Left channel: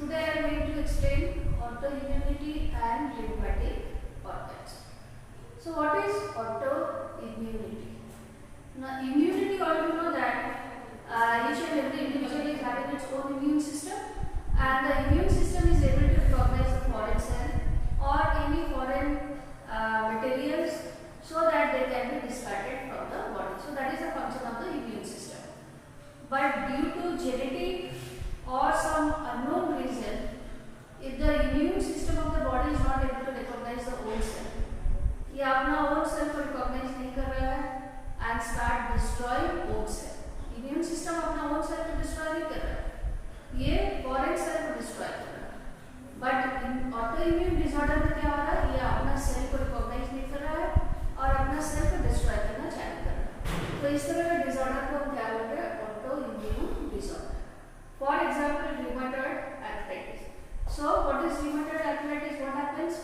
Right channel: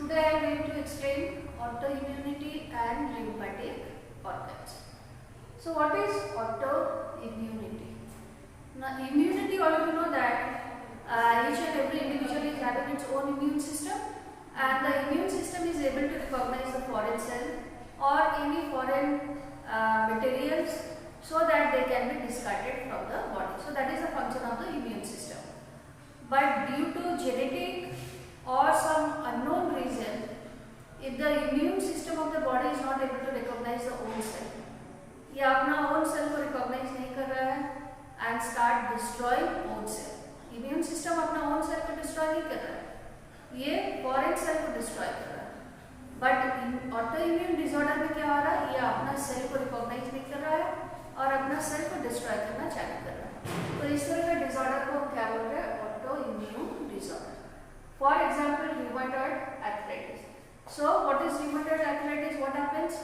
Today I am going to explain autoimmunity and lymphatic organs. So what is autoimmunity? Now immunity, all of you know that each and every individual is having its own immune system, and the immune system is able to recognize the foreign cell or any foreign materials so that they can be discarded from the body. So that is the function of the immune system. But due to genetic or some unknown reason, if the immune system of the body is not able to recognize the own cell, ये अपना own cell को recognize नहीं कर रहा है and start destroying own cell. Immune system अपना own cell को destroy नहीं कर रहा है, ये foreign cell को destroy कर रहा है. But in autoimmune disorder में क्या हो रहा है, ये अपना cell को recognize नहीं कर रहा है और अपना cell को destroy करना चालू कर रहा है. तो इस तरह का disorder को हम क्या बोल रहे हैं, autoimmune disorder. For example, rheumatoid arthritis. So what is rheumatoid arthritis? What happens?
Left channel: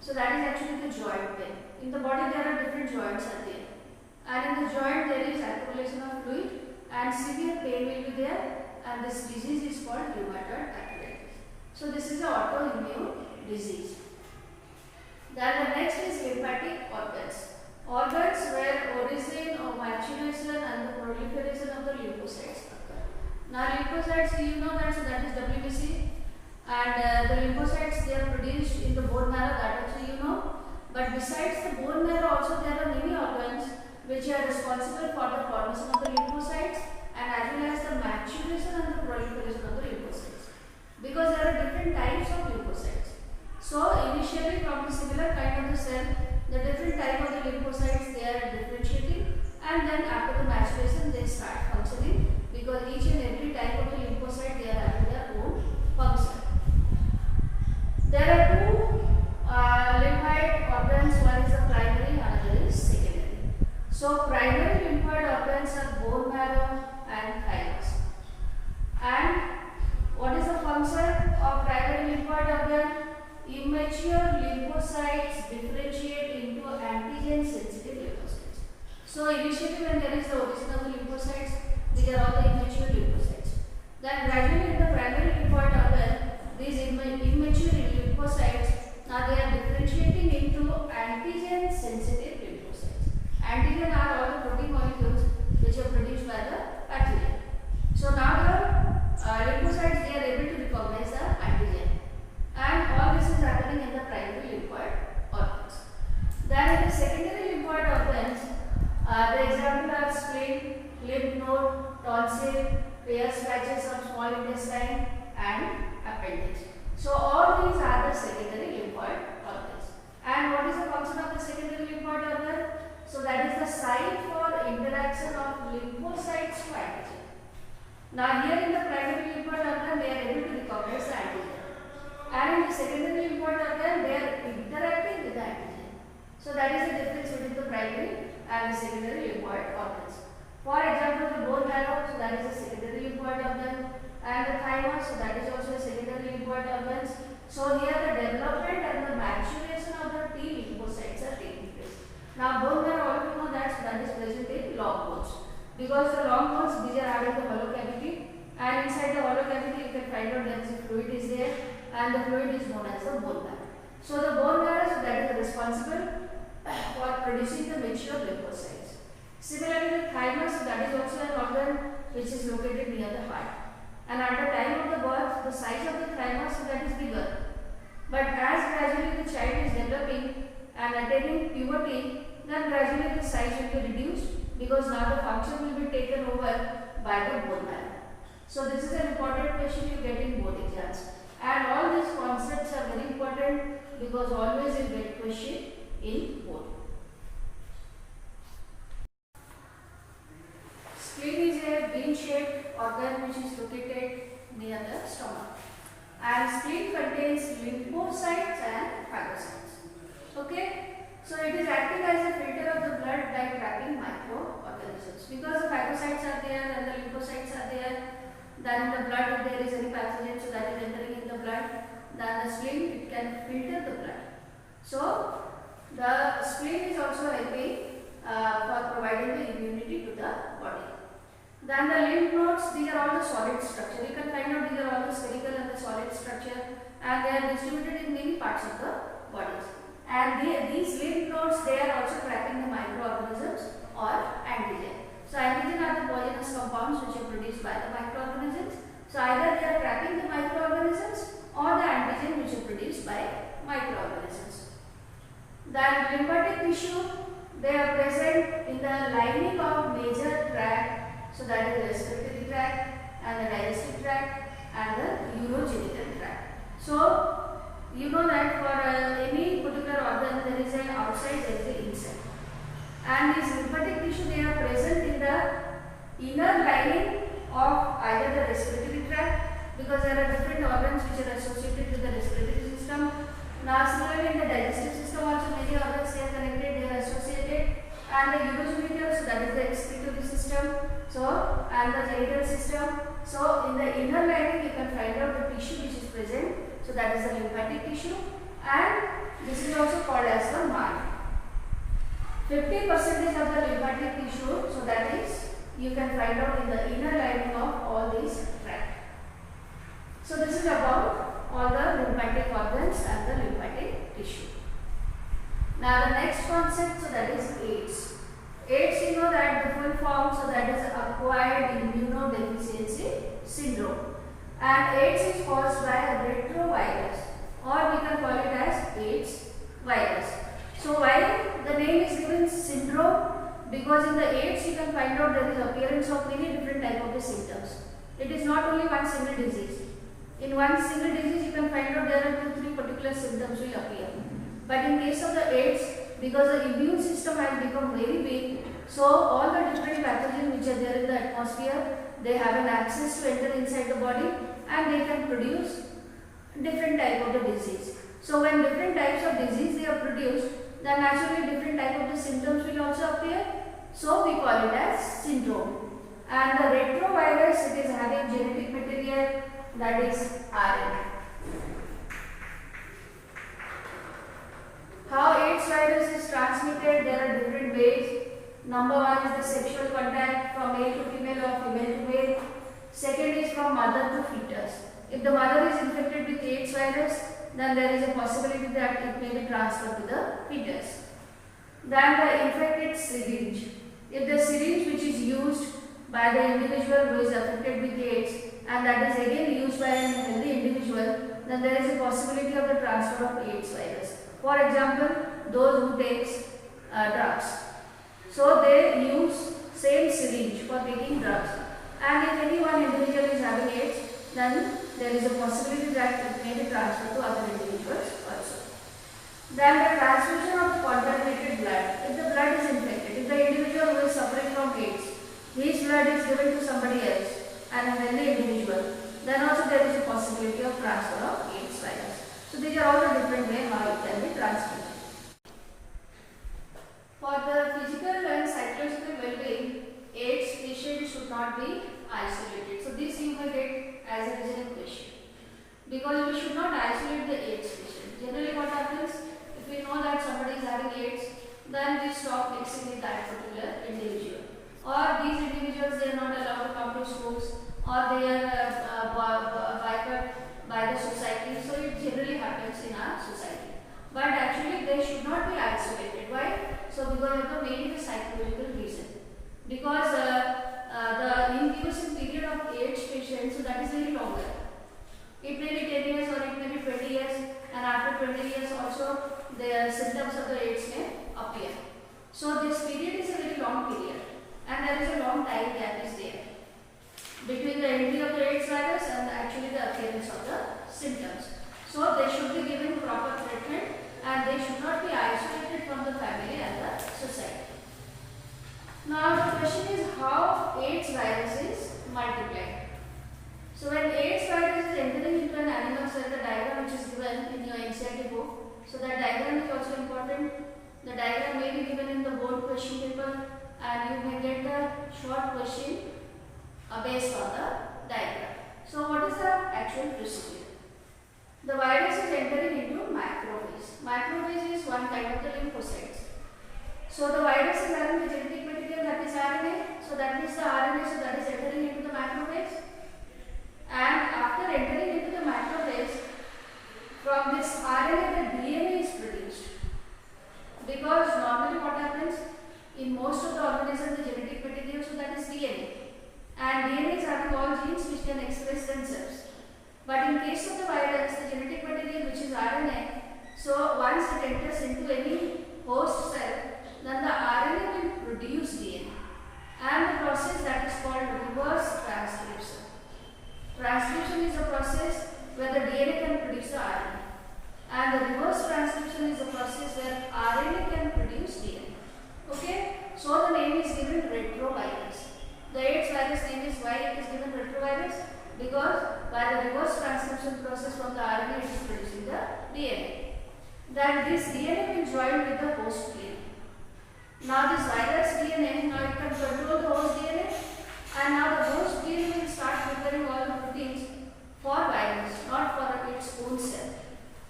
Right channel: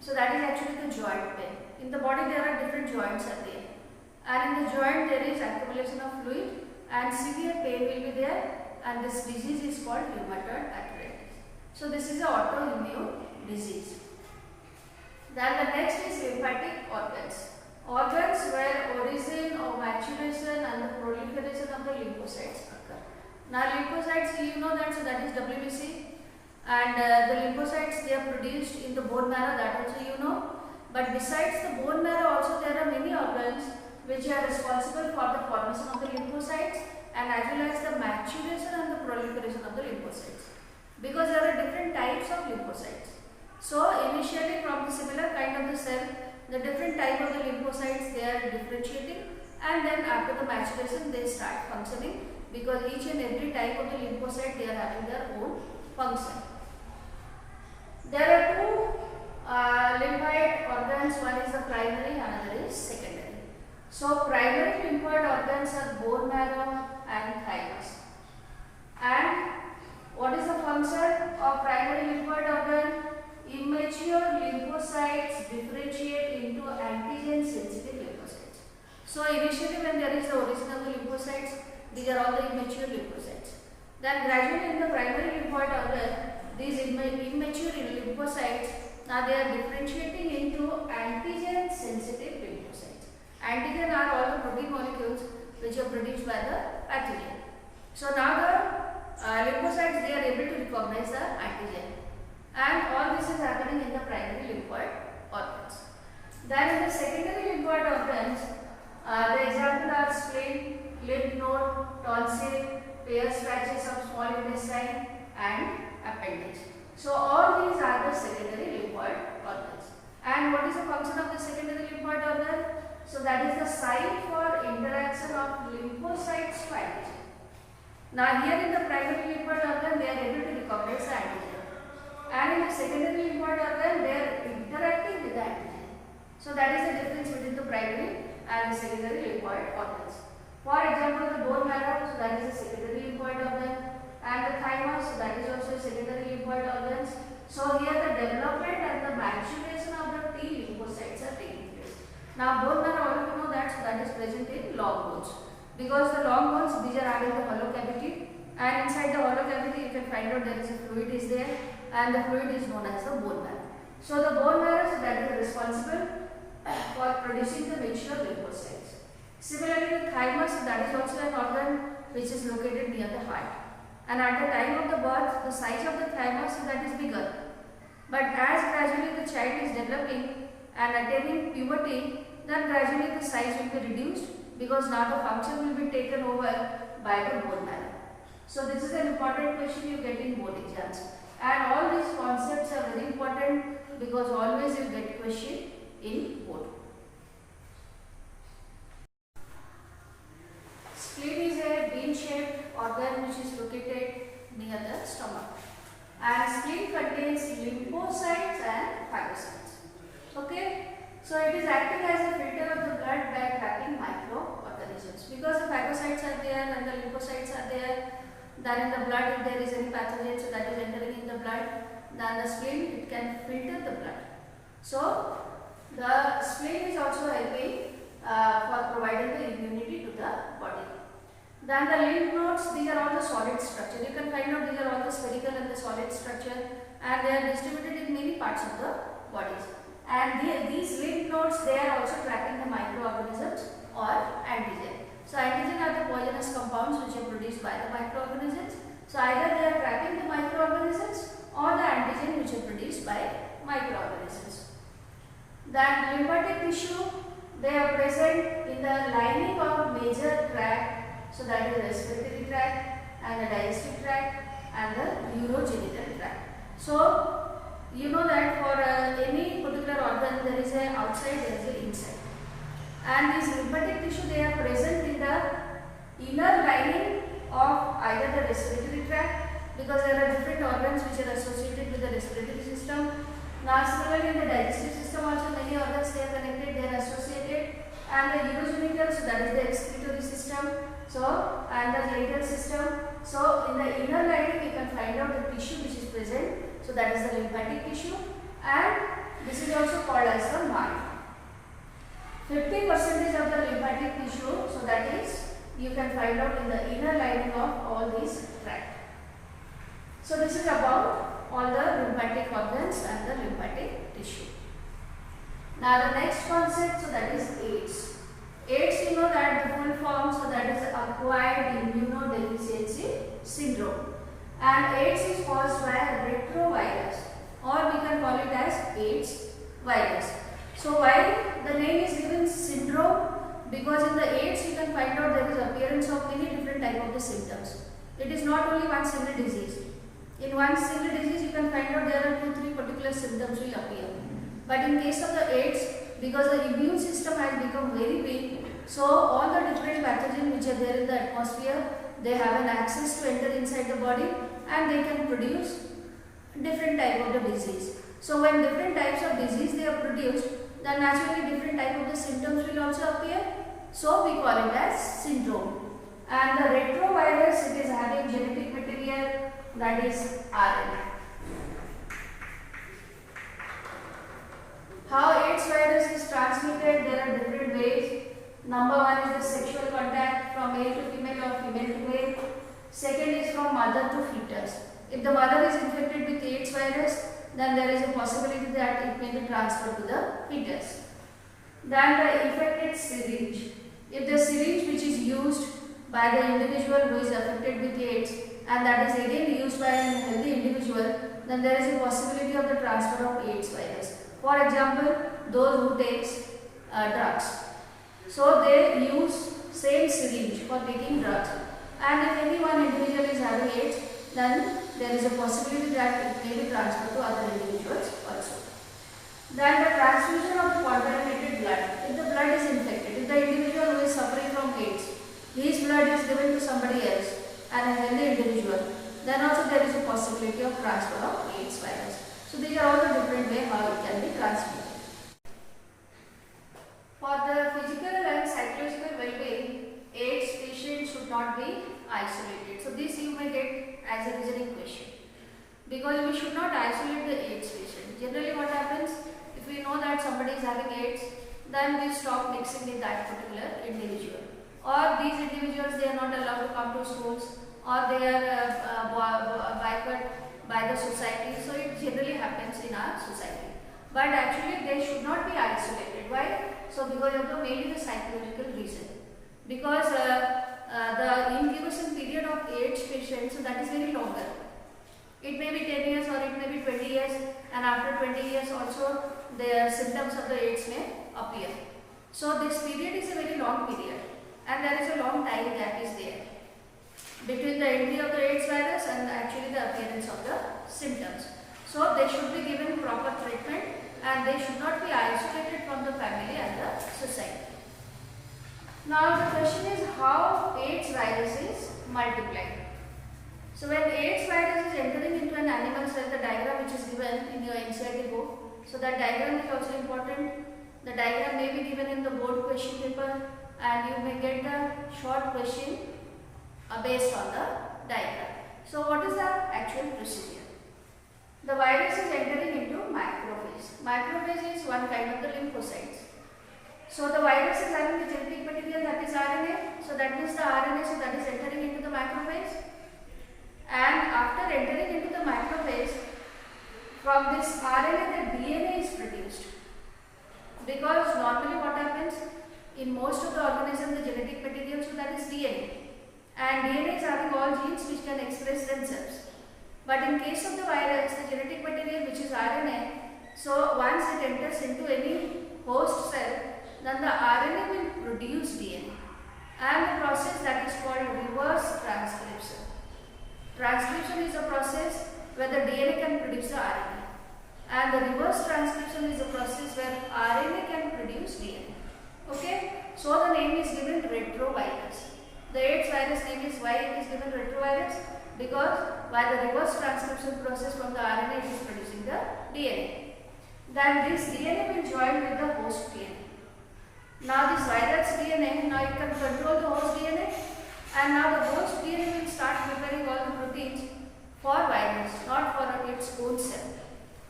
So that is actually the joint pain. In the body there are different joints are there, and in the joint there is accumulation of fluid and severe pain will be there, and this disease is called rheumatoid arthritis. So this is an autoimmune disease. Then the next is lymphatic organs. Organs where origin or maturation and the proliferation of the lymphocytes occur. Now lymphocytes, you know that, so that is WBC, and the lymphocytes they are produced in the bone marrow, that also you know. But besides the bone marrow also there are many organs which are responsible for the formation of the lymphocytes and as well as the maturation and the proliferation of the lymphocytes, because there are different types of lymphocytes. So initially from the similar kind of the cell, the different type of the lymphocytes they are differentiating, and then after the maturation they start functioning, because each and every type of the lymphocyte they are having their own function. There are two lymphoid organs, one is the primary, another is secondary. So primary lymphoid organs are bone marrow and thymus. And what is the function of primary lymphoid organ? Immature lymphocytes differentiate into antigen sensitive lymphocytes. So initially when there is the origin of the lymphocytes, these are all the immature lymphocytes. Then gradually in the primary lymphoid organ, these immature lymphocytes, now they are differentiating into antigen sensitive lymphocytes. Antigen are all the protein molecules which are produced by the pathogen. So now the lymphocytes they are able to recognize the antigen, and all this is happening in the primary lymphoid organs. Then in the secondary lymphoid organs, the example are spleen, lymph node, tonsil, Peyer's patches of small intestine, and appendix. So all these are the secondary lymphoid organs. And what is the function of the secondary lymphoid organ? So that is the site for interaction of lymphocytes to antigen. Now here in the primary lymphoid organ they are able to recognize the antigen, and in the secondary lymphoid organ they are interacting with the antigen. So that is the difference between the primary and the secondary lymphoid organs. For example, the bone marrow, so that is a secondary lymphoid organ, and the thymus, so that is also a secondary lymphoid organs. So here the development and the maturation of the T lymphocytes are taking place. Now bone marrow, all of you know that, so that is present in long bones, because the long bones these are having the hollow cavity, and inside the hollow cavity you can find out there is a fluid is there, and the fluid is known as the bone marrow. So the bone marrow, so that is responsible for producing the mature lymphocytes. Similarly, the thymus, that is also an organ which is located near the heart. And at the time of the birth, the size of the thymus that is bigger. But as gradually the child is developing and attaining puberty, then gradually the size will be reduced, because now the function will be taken over by the bone marrow. So this is an important question you get in board exams. And all these concepts are very important, because always you get question in board. Spleen is a bean-shaped organ which is located near the stomach, and spleen contains lymphocytes and phagocytes. Okay, so it is acting as a filter of the blood by trapping microorganisms, because the phagocytes are there and the lymphocytes are there. Then in the blood, if there is any pathogen, so that is entering in the blood, then the spleen it can filter the blood. So the spleen is also helping for providing the immunity to the body. Then the lymph nodes, these are all the solid structure. You can find out these are all got the spherical and the solid structure, and they are distributed in many parts of the bodies. And these lymph nodes, they are also tracking the microorganisms or antigen. So antigen are the poisonous compounds which are produced by the microorganisms. So either they are tracking the microorganisms or the antigen which are produced by microorganisms. Then lymphatic tissue, they are present in the lining of major tract, so that is respiratory tract and the digestive tract and the urogenital tract. So you know that for any particular organ there is an outside, there is an inside. And these lymphatic tissue, they are present in the inner lining of either the respiratory tract, because there are different organs which are associated with the respiratory system. Now similarly in the digestive system also many organs they are connected, they are associated, and the urogenital, so that is the excretory system, so and the genital system. So in the inner lining you can find out the tissue which is present, so that is the lymphatic tissue, and this is also called as the mind. 50% of the lymphatic tissue, so that is you can find out in the inner lining of all these tracts. So this is about all the lymphatic organs and the lymphatic tissue. Now the next concept, so that is AIDS. AIDS, you know that the full form, so that is acquired immunodeficiency syndrome. And AIDS is caused by a retrovirus, or we can call it as AIDS virus. So why the name is given syndrome? Because in the AIDS you can find out there is appearance of many different type of the symptoms. It is not only one single disease. In one single disease you can find out there are 2-3 particular symptoms will appear. But in case of the AIDS, because the immune system has become very weak, so all the different pathogens which are there in the atmosphere, they have an access to enter inside the body and they can produce different type of the disease. So when different types of disease they are produced, then naturally different type of the symptoms will also appear. So we call it as syndrome. And the retrovirus, it is having genetic material, that is RNA. How AIDS virus is transmitted, there are different ways. Number one is the sexual contact from male to female or female to male. Second is from mother to fetus. If the mother is infected with AIDS virus, then there is a possibility that it may be transferred to the fetus. Then the infected syringe. If the syringe which is used by the individual who is affected with AIDS and that is again used by a healthy individual, then there is a possibility of the transfer of AIDS virus. For example, those who takes drugs. So they use same syringe for taking drugs. And if any one individual is having AIDS, then there is a possibility that it may be transferred to other individuals also. Then the transfusion of the contaminated blood. If the blood is infected, if the individual who is suffering from AIDS, his blood is given to somebody else and a healthy individual, then also there is a possibility of transfer of AIDS virus. So these are all the different ways how it can be transmitted. For the physical and psychological well-being, AIDS patients should not be isolated. So this you may get as a reasoning question. Because we should not isolate the AIDS patient. Generally what happens, if we know that somebody is having AIDS, then we stop mixing with that particular individual. Or these individuals, they are not allowed to come to schools, or they are boycotted by the society. So it generally happens in our society. But actually they should not be isolated. Why? So because of the mainly the psychological reason. Because the incubation period of AIDS patients, so that is very longer. It may be 10 years or it may be 20 years, and after 20 years also the symptoms of the AIDS may appear. So this period is a very long period, and there is a long time gap is there between the entry of the AIDS virus and actually the appearance of the symptoms. So they should be given proper treatment and they should not be isolated from the family and the society. Now the question is how AIDS virus is multiplied. So when AIDS virus is entering into an animal cell, the diagram which is given in your NCERT book, so that diagram is also important. The diagram may be given in the board question paper and you may get the short question based on the diagram. So what is the actual procedure? The virus is entering into macrophage. Macrophage is one kind of the lymphocytes. So the virus is having the genetic material that is RNA. So that means the RNA, so that is entering into the macrophage. And after entering can express themselves. But in case of the virus, the genetic material which is RNA, so once it enters into any host cell, then the RNA will produce DNA, and the process that is called reverse transcription. Transcription is a process where the DNA can produce the RNA, and the reverse transcription is a process where RNA can produce DNA. Okay, so the name is given retrovirus. The AIDS virus name is, why it is given retrovirus? Because by the reverse transcription process from the RNA it is producing the DNA. Then this DNA will join with the host DNA. Now this virus DNA, now it can control the host DNA, and now the host DNA will start preparing all the proteins for virus, not for its own cell.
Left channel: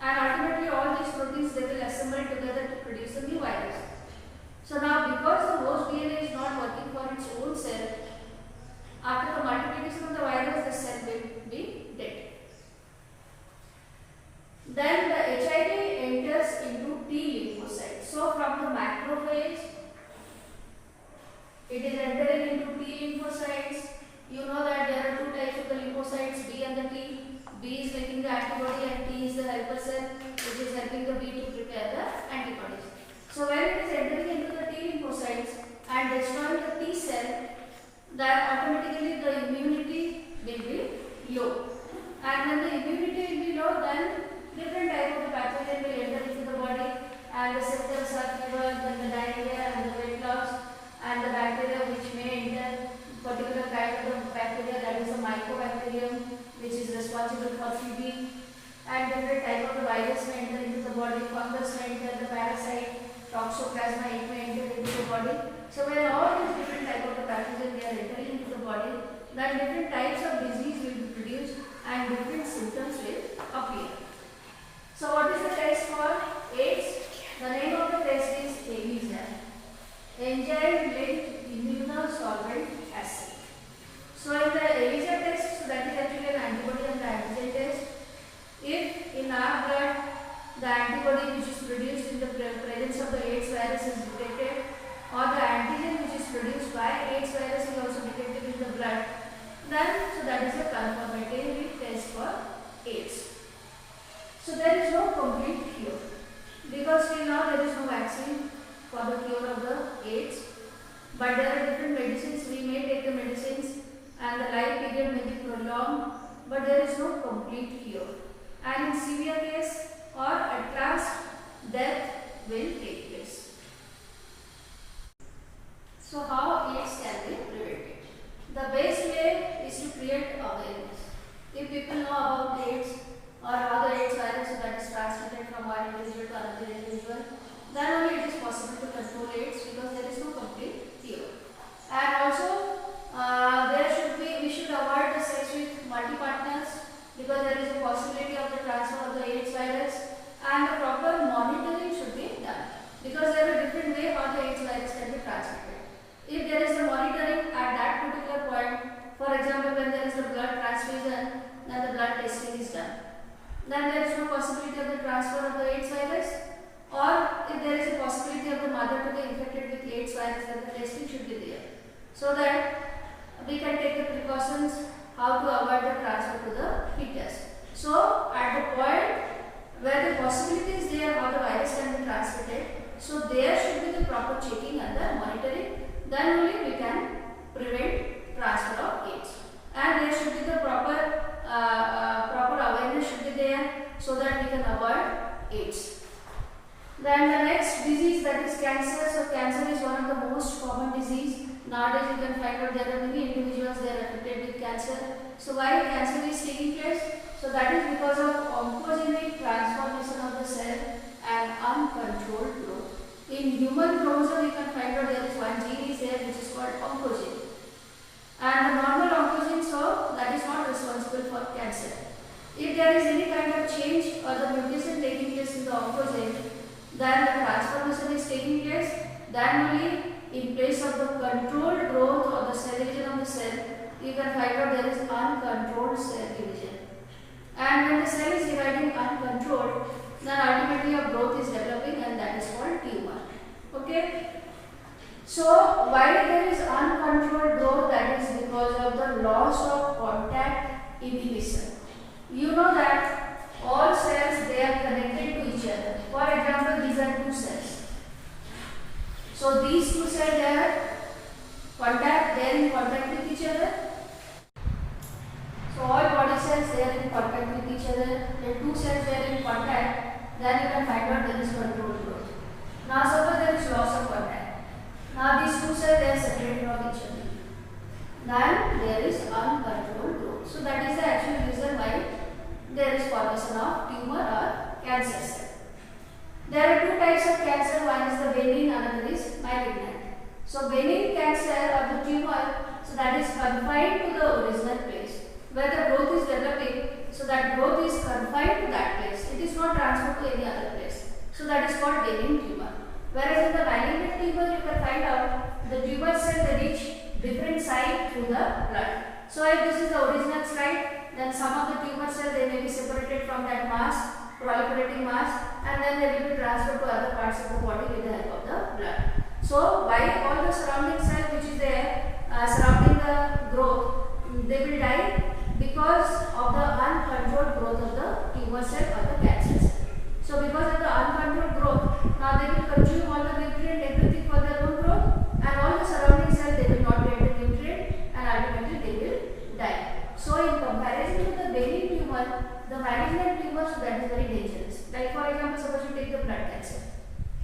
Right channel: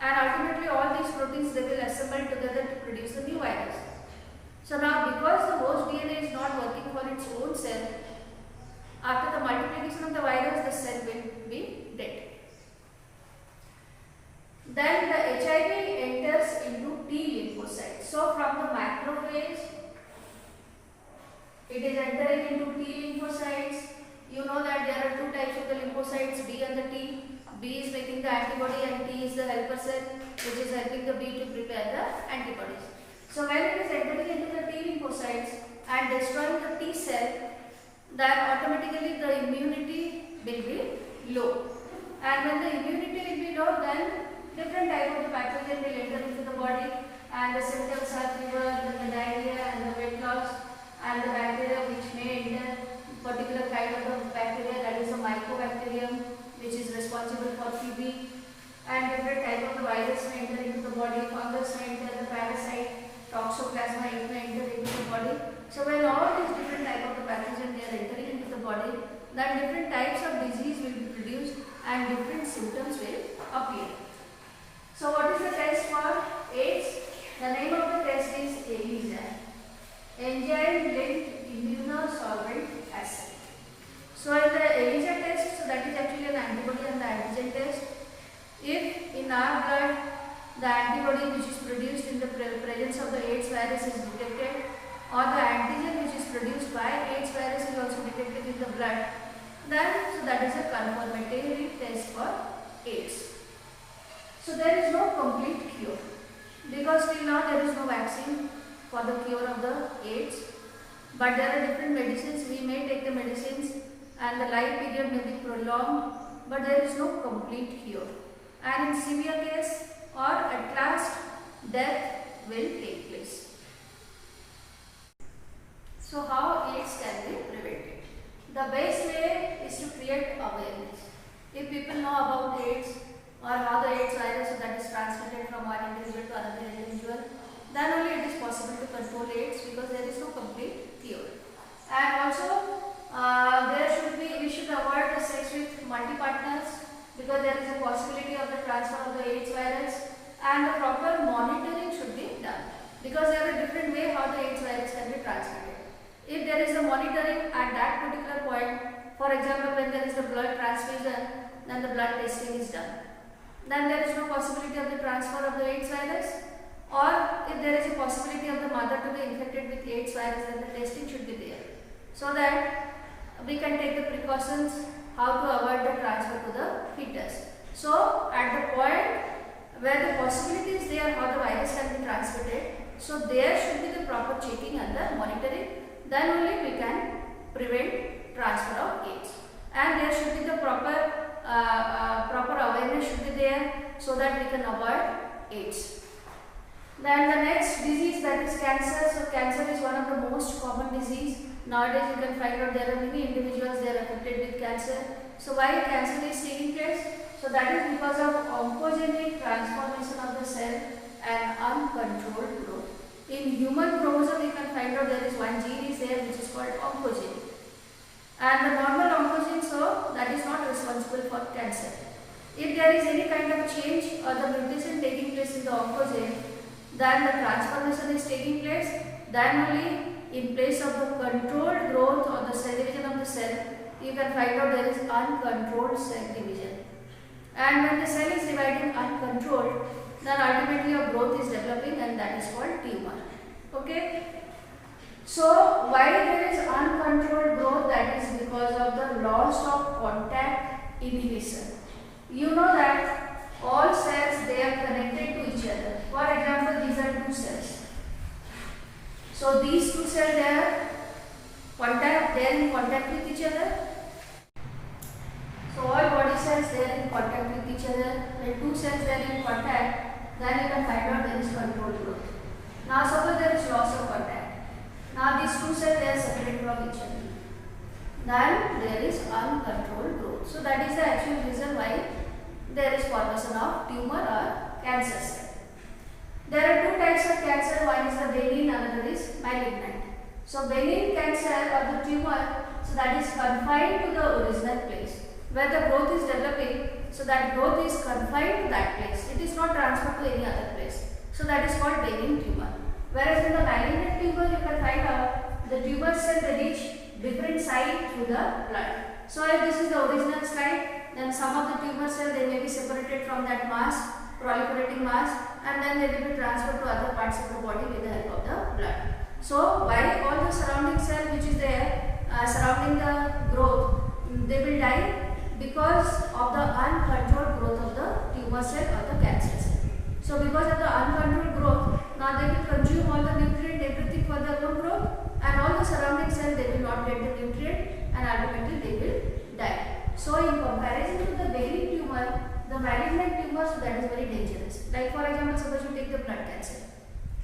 And ultimately all these proteins, they will assemble together to produce a new virus. So now because the host DNA is not working for its own cell, after the multiplication of the virus, the cell will be dead. Then the HIV enters into T lymphocytes. So from the macrophage, it is entering into T lymphocytes. You know that there are two types of the lymphocytes, B and the T. B is making the antibody and T is the helper cell, which is helping the B to prepare the antibodies. So when it is entering into the T lymphocytes and destroying the T cell, then automatically the immunity will be low. And when the immunity will be low, then different type of pathogen will enter into the body, and the symptoms are fever, then the diarrhea and the weight loss, and the bacteria which may enter, particular kind of the bacteria, that is the mycobacterium, which is responsible for TB, and different type of the virus may enter into the body, fungus may enter, the parasite, toxoplasma, it may enter into the body. So when all these different type of the pathogen they are entering into the body, then different types of disease will be produced and different symptoms will appear. So what is the test for AIDS? The name of the test is ELISA, enzyme-linked immunosolvent assay. So in the ELISA test, so that is actually an antibody and the antigen test. If in our blood the antibody which is produced in the presence of the AIDS virus is detected, or the antigen which is produced by AIDS virus is also detected in the blood, then so that is a confirmatory test for AIDS. So there is no complete cure, because till now there is no vaccine for the cure of the AIDS, but there are different medicines. We may take the medicines and the life period may be prolonged, but there is no complete cure, and in severe case or at last death will take place. So how AIDS can be prevented? The best way is to create awareness. If people know about AIDS or how the AIDS virus that is transmitted from one individual to another individual, then only it is possible to control AIDS, because there is no complete cure. And also we should avoid the sex with multi-partners, because there is a possibility of the transfer of the AIDS virus, and the proper monitoring should be done, because there are different ways how the AIDS virus can be transmitted. If there is a monitoring at that particular point, for example when there is a blood transfusion, then the blood testing is done, then there is no possibility of the transfer of the AIDS virus. Or if there is a possibility of the mother to be infected with AIDS virus, then the testing should be there, so that we can take the precautions how to avoid the transfer to the fetus. So at the point where the possibility is there how the virus can be transmitted, so there should be the proper checking and the monitoring, then only we can prevent transfer of AIDS. And there should be the proper awareness should be there, so that we can avoid AIDS. Then the next disease, that is cancer. So cancer is one of the most common disease. Nowadays you can find out there are many individuals they are affected with cancer. So why cancer is taking place? So that is because of oncogenic transformation of the cell and uncontrolled growth. In human chromosome you can find out there is one gene is there which is called oncogene. And the normal oncogene, so that is not responsible for cancer. If there is any kind of change or the mutation taking place in the oncogene, then the transformation is taking place, then only in place of the controlled growth or the cell division of the cell, you can find out there is uncontrolled cell division. And when the cell is dividing uncontrolled, then ultimately a growth is developing, and that is called tumor. Okay. So why there is uncontrolled growth? That is because of the loss of contact inhibition. You know that all cells, they are connected to each other. For example, these are two cells. So these two cells, they are in contact with each other. So all body cells, they are in contact with each other. The two cells, they are in contact. Then you can find out there is controlled growth. Now suppose there is loss of contact. Now these two cells, they are separate from each other. Then there is uncontrolled growth. So that is the actual reason why there is formation of tumor or cancer cell. There are two types of cancer. One is the benign, another is malignant. So benign cancer or the tumor, so that is confined to the original place where the growth is developing. So that growth is confined to that place. It is not transferred to any other place. So that is called benign tumor. Whereas in the malignant tumor, you can find out the tumor cell, they reach different site through the blood. So if this is the original slide, then some of the tumor cells, they may be separated from that mass, proliferating mass, and then they will be transferred to other parts of the body with the help of the blood. So why all the surrounding cell which is there surrounding the growth, they will die because of the uncontrolled growth of the tumor cell or the cancer cell. So because of the uncontrolled growth, now they will consume all the nutrient, everything for their own growth, and all the surrounding cells, they will not get the nutrient, and ultimately they will die. So in comparison to the benign tumor, the malignant tumor, so that is very dangerous. Like for example, suppose you take the blood cancer.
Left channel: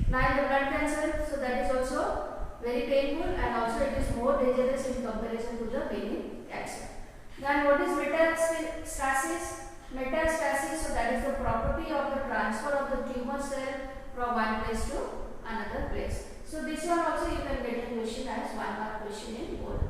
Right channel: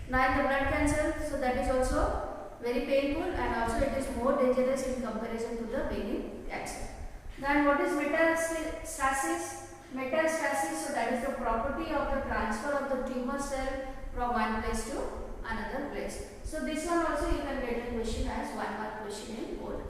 Now in the blood cancer, so that is also very painful, and also it is more dangerous in comparison to the benign cancer. Then what is metastasis? Metastasis, so that is the property of the transfer of the tumor cell from one place to another place. So this one also you can get a question as 1 mark question in board.